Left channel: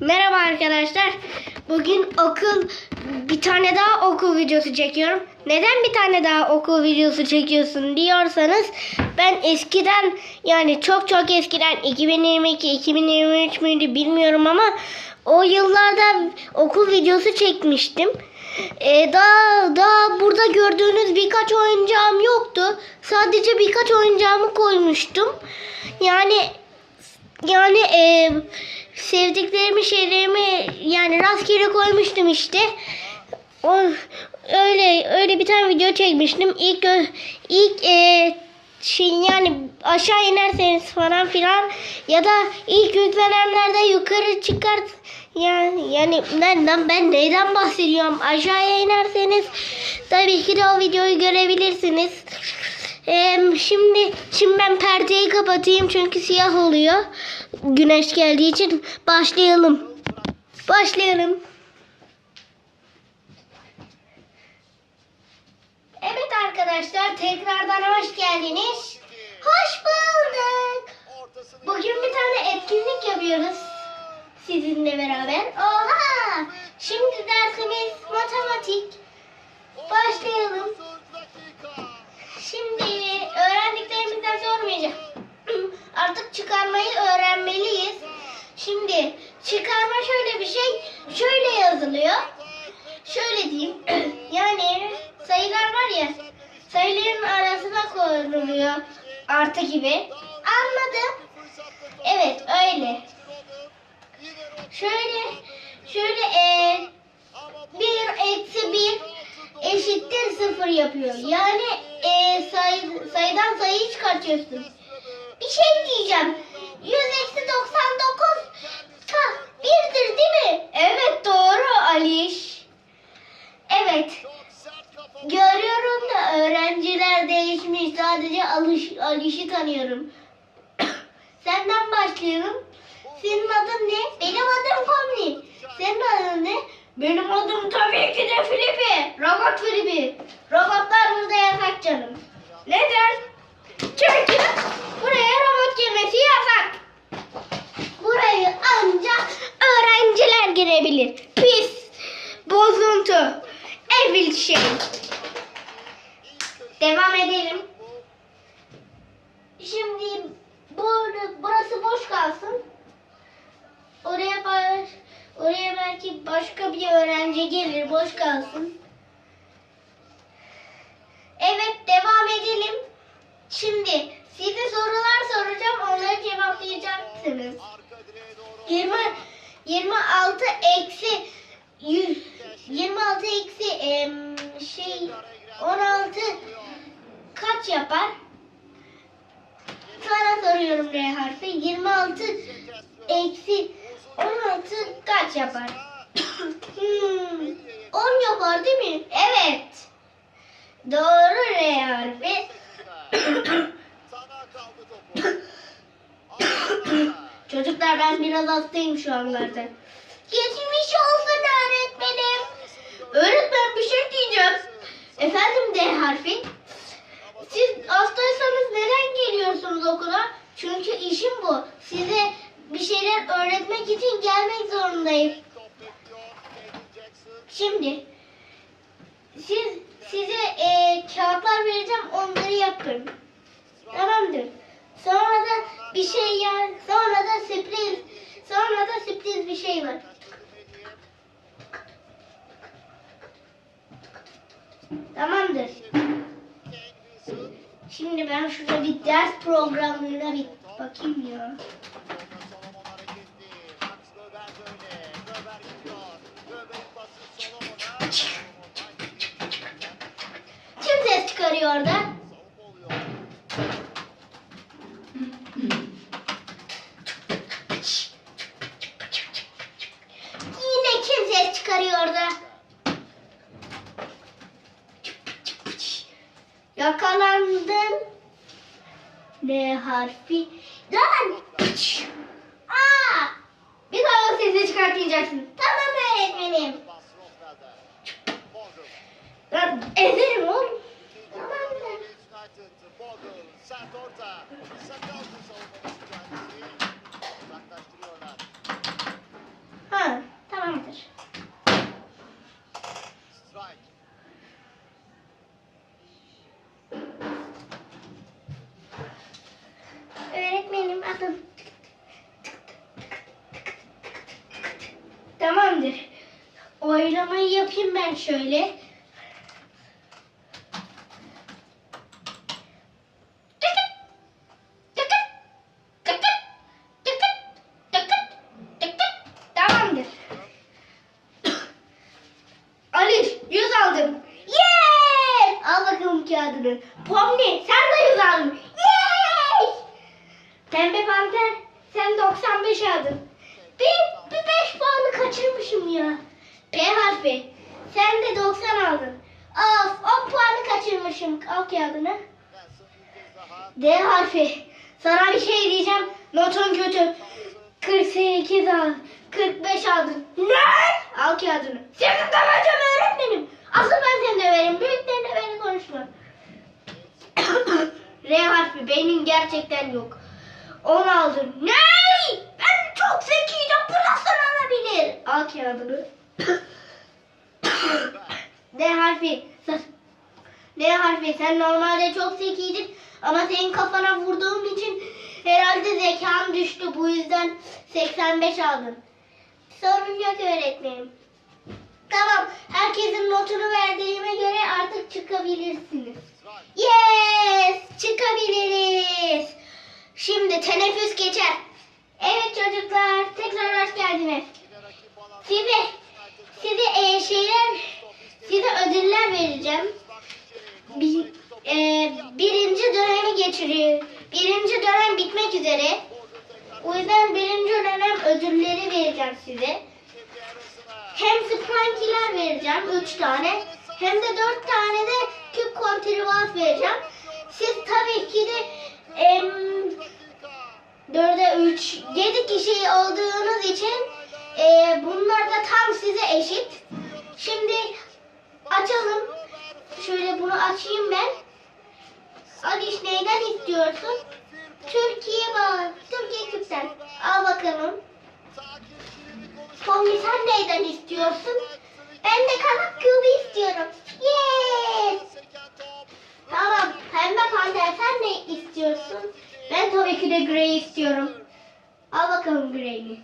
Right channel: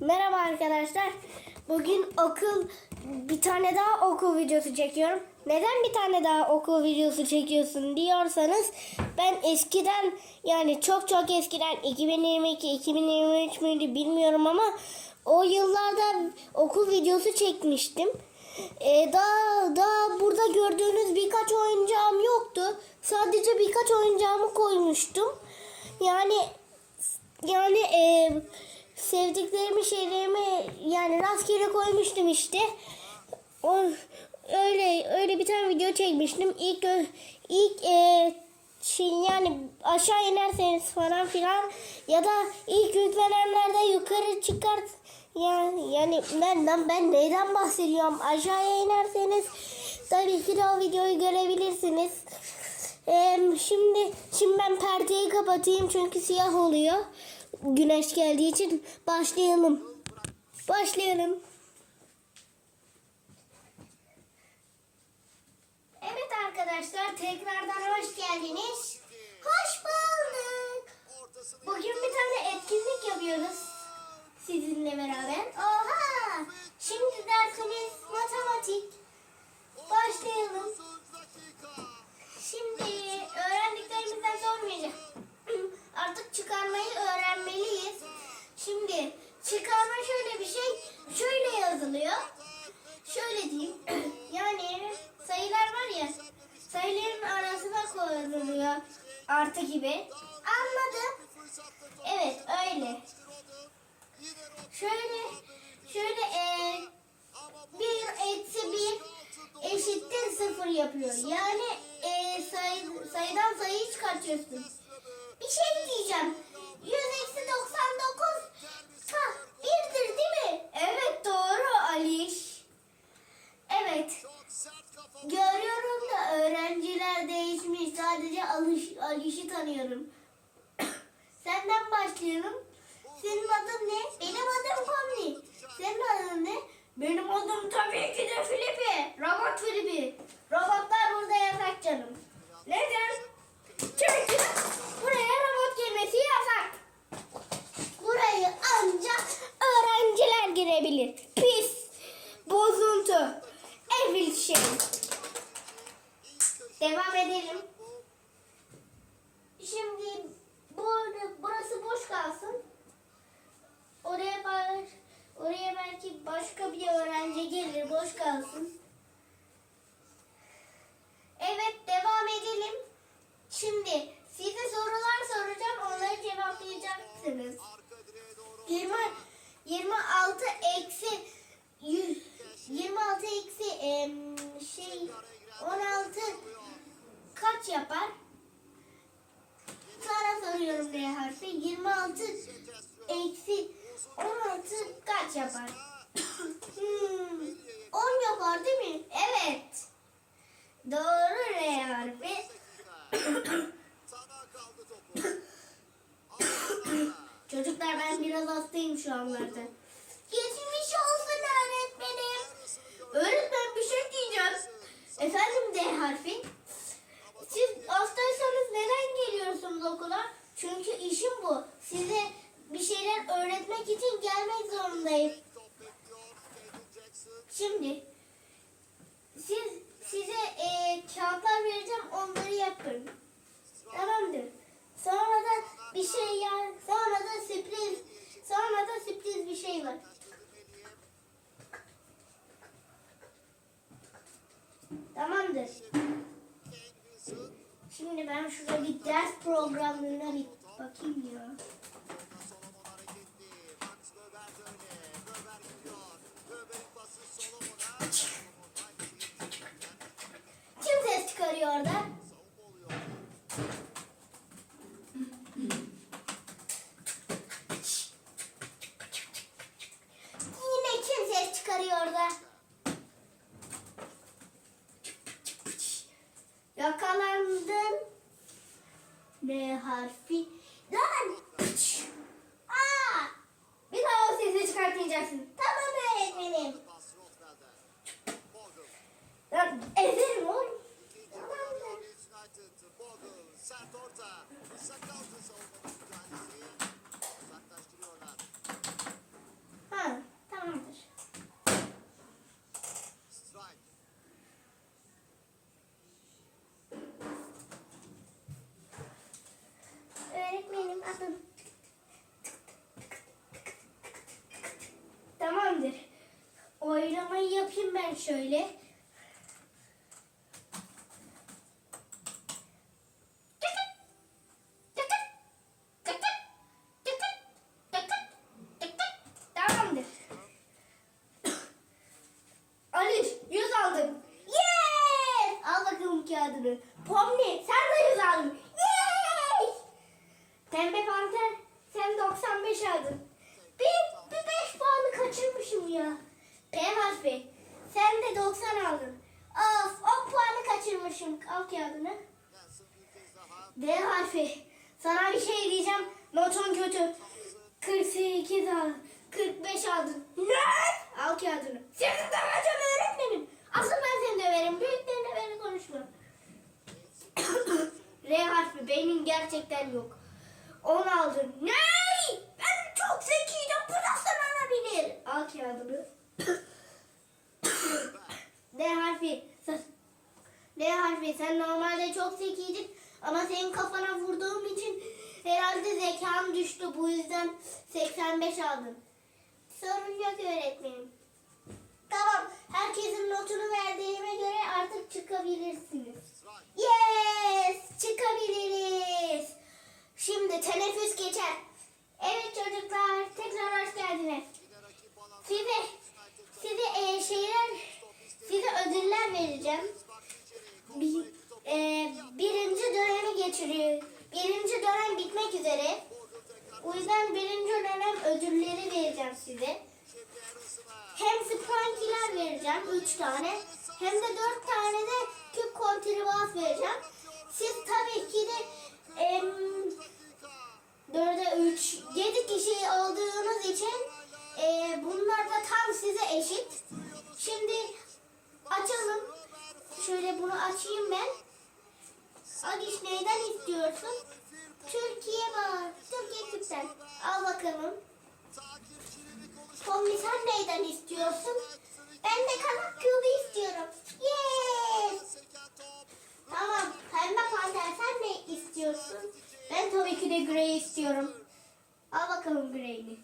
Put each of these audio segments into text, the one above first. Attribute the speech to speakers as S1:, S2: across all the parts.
S1: Merhaba arkadaşlar. Bugün okul bir tane daha okul videosu çekiyorum. Neden bir tane daha okul videosu çekiyorsun diyorsanız ben eskiden yani çok çok eskiden 2022 2023 müydü bilmiyorum ama o yıllarda okul videosu çekmiştim. Ee, daha daha burada gördüğünüz birkaç oyuncağım yoktu. Sadece birkaç oyuncağımı koymuştum. Yani yani e, sevdiklerimi şeylerimi yani rastgele koymuştum işte. O, öyle öyle bir tane video çekmiştim. İlk ilk e, şey yani aşağı inerseniz falan filan ya da ilk yüklenenlerde yukarı çıkart yani yani nereden ben neyden bahsediyorum aşağıya inerseniz tabii ki de o videoyu görebilirsiniz. Ee, şimdi şimdi ben perdeyi kapatayım çünkü siyah oluyor. Güneş geldiği için başlayalım. Başlayalım. Evet arkadaşlar tekrardan hoş geldiniz. Hoş bulduk. Bugün bir tane etkinlik yapıyoruz sizinle beraber. Oha! Şimdi dersimiz matematik. Başlayalım. Şimdi öğrendiklerimizden sormayacağım. Artık çıkarmayı öğrenmeliyiz. Şimdi çıkarma şöyle bir şey. Şöyle yazılıyor. Şöyle diyeyim. Yani sayılar var ya. Sayıların arasına koyuluyor. Artı gibi. Anladım. Evet öyle. Şöyle şöyle e, bir eksi bir eşittir sıfır yapıyor. Yani e, sayı, sayıdan sayıyı çıkartıyorsun. Bir şey diyeceğim. 100 eksi 99 ka, birdir değil mi? Evet doğru Aliş. Evet. Görüyorum da öğrenciler değişmiş. Sadece Aliş, Aliş'i tanıyorum. Senden başlayalım. Senin adın ne? Benim adım Komni. Senin adın ne? Benim adım tabii ki de Filipi. Robot Filipi. Robotlar burada yasak canım. Neden? Çünkü buraya robot girmesi yasak. Burayı ancak öğrenciler girebilir. Pis, bozuntu, evil şey. Devam edelim. Şimdi burada, burası boş kalsın. Oraya baş, oraya belki başka bir öğrenci gelir, boş kalsın. Evet, devam edelim. Şimdi size sorular soracağım, onları cevaplayacaksınız. 20 26 eksi 100 26 eksi em, şey 16 kaç yapar? Sana soruyorum R harfi. 26 eksi 16 kaç yapar? hmm, 10 yapar değil mi? Evet. Doğru R harfi. Çocuklar ben biraz hastayım şu anlarda. Geçmiş olsun öğretmenim. Öğretmen bir diyeceğim. Efendim D harfi. Siz hastaysanız neden geliyorsunuz okula? Çünkü işim bu. Size bir şeyler öğretmek için gelmek zorundayım. Şimdi siz size e, kağıtlar vereceğim onları yapın. Tamamdır. Sonra da bir şey ya sonra da sürpriz sonra da sürpriz bir şey var. Tamamdır. Şimdi ben şurada bir ders programına bir bakayım ya. Harfi. Oylamayı yapayım ben şöyle. Tamamdır. Ali 100 aldım. Yes! Al bakalım kağıdını sen de 100 aldın. Yes! Pembe panter sen 95 aldın. Bir, bir 5 puanı kaçırmışım ya. P harfi sen de 90 aldın. Of 10 puanı Al kağıdını. D harfi. Sana bir şey diyeceğim. Notun kötü. 48 al. 45 aldın. Ne? Al kağıdını. Seni döveceğim öğretmenim. Asıl ben seni döverim. Büyüklerine beni konuşma. R harfi. Beynin gerçekten yok. 10 aldın. Ne? Ben çok zekiydim. Bu nasıl olabilir? Al kağıdını. D harfi. D harfi. Sen normalde çok zekiydin. Ama senin kafana vurduğum için herhalde zekan düştü. Bu yüzden 85 aldın. Sorun yok öğretmenim. Tamam. Herkesin notunu verdiğime göre artık çıkabilirsiniz. Yes! Çıkabiliriz. Şimdi teneffüs geçer. Evet çocuklar. Tekrar hoş geldiniz. Size, size e, şeyler, size ödüller vereceğim. Bir, e, birinci dönemi geçiriyor. Birinci dönem bitmek üzere. O yüzden birinci dönem ödülleri vereceğim size. Hem Sprankiler vereceğim 3 tane. Hem de 4 tane de küp kontribans vereceğim. Siz tabii ki de em, 4'e 3, 7 kişi olduğunuz için e, bunlar da tam size eşit. Şimdi açalım. Şöyle bunu açayım ben. Aliş neyden istiyorsun? Türkiye bağ, Türkiye küpten. Al bakalım. Tommy sen neyden istiyorsun? Ben de kanat kübü istiyorum. Tabii ki de grey istiyorum. Al bakalım grey'ini.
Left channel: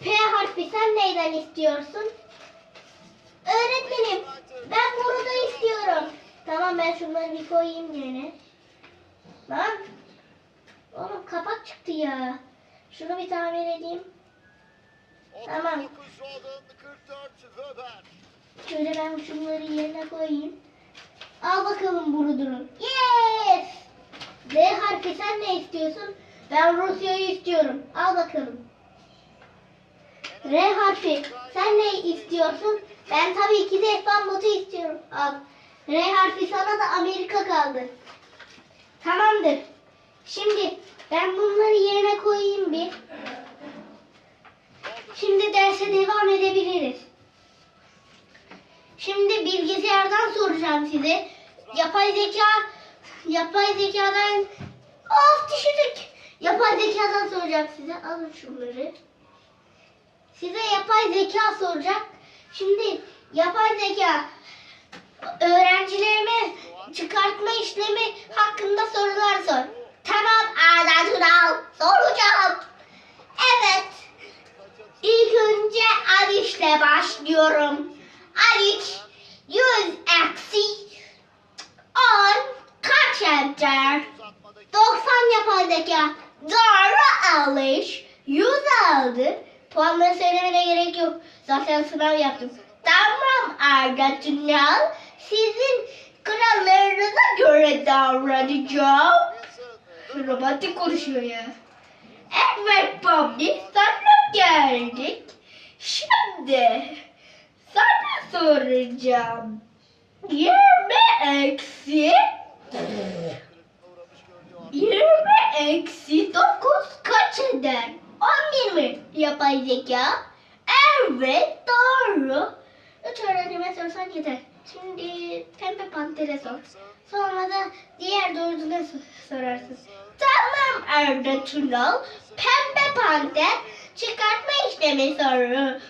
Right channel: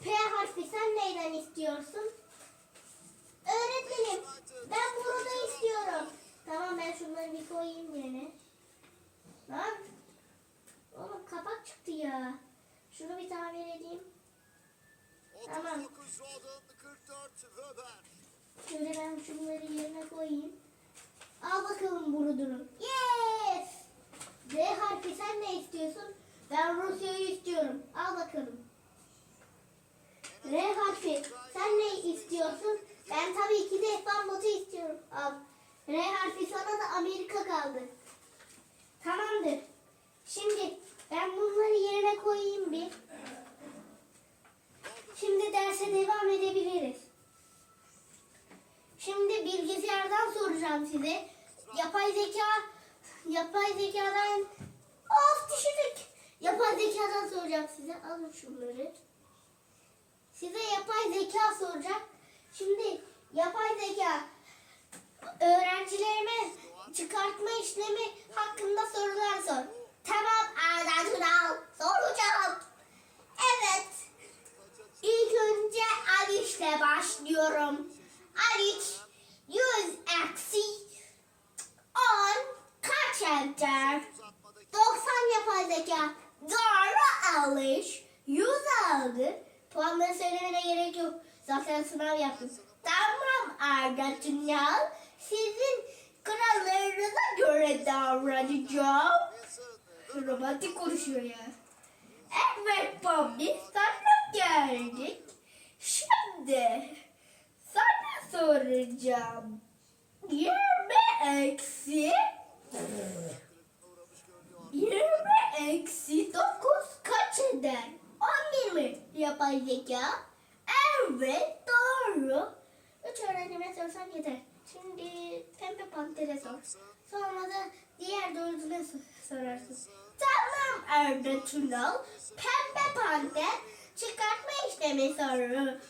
S1: P harfi sen neyden istiyorsun? Öğretmenim ben bunu da istiyorum. Tamam ben şunları bir koyayım yerine. Lan. Oğlum kapak çıktı ya. Şunu bir tamir edeyim. Tamam.
S2: 39 Robin, 44 Weber.
S1: Şöyle ben şunları yerine koyayım. Al bakalım Burudur'un. Yes! D harfi sen ne istiyorsun? Ben Rusya'yı istiyorum. Al bakalım. R harfi sen ne istiyorsun? Ben tabii ki de F1 botu istiyorum. Al. R harfi sana da Amerika kaldı. Tamamdır. Şimdi ben bunları yerine koyayım bir. Şimdi derse devam edebiliriz. Şimdi bilgisayardan soracağım size. Yapay zeka, yapay zekadan of düşürdük. Yapay zekadan soracağım size. Alın şunları. Size yapay zeka soracak. Şimdi yapay zeka öğrencilerime çıkartma işlemi hakkında sorular sor. Tamam Arda Tural soracağım. Evet. İlk önce Aliş'le başlıyorum. Aliş 100 eksi 10 kaç eder? 90 yapay zeka. Doğru Aliş. 100 aldı. Puanları söylemene gerek yok. Zaten sınav yaptım. Tamam Arda Tünal. Sizin kurallarınıza göre davranacağım. Romantik konuşuyor ya. Evet Bobby sana geldik. Şimdi sana soracağım. 20 eksi 20 eksi 9 kaç eder? 11 mi? Yapay zeka. Evet doğru. Üç öğrenime sorsan yeter. Şimdi pembe pantere sor. Sonra da diğer so- sorarsın. Tamam Arda Tunal. Pembe panter çıkartma işlemi soru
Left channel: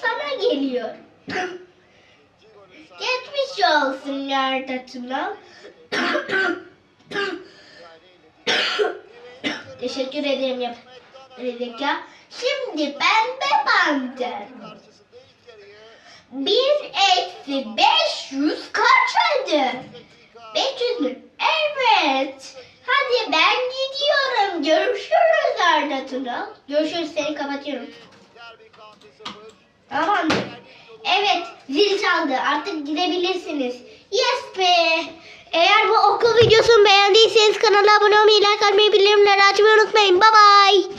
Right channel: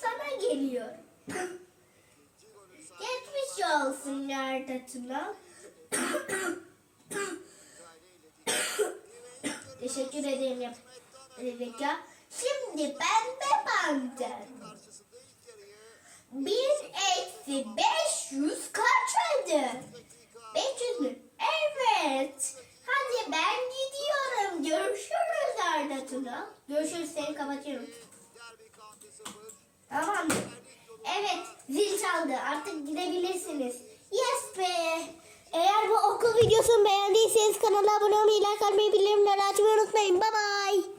S1: sana geliyor. Arda Tunal. Teşekkür ederim yap. Reklam. Şimdi pembe panter. Bir eksi 500 kaç eder? 500 mü? Evet. Hadi ben gidiyorum. Görüşürüz Arda Tural. Görüşürüz seni kapatıyorum.
S2: Derby County 0.
S1: Tamamdır. Evet zil çaldı. Artık gidebilirsiniz. Yes be. Eğer bu okul videosunu beğendiyseniz kanala abone olmayı, like atmayı, bildirimleri açmayı unutmayın. Bye bye.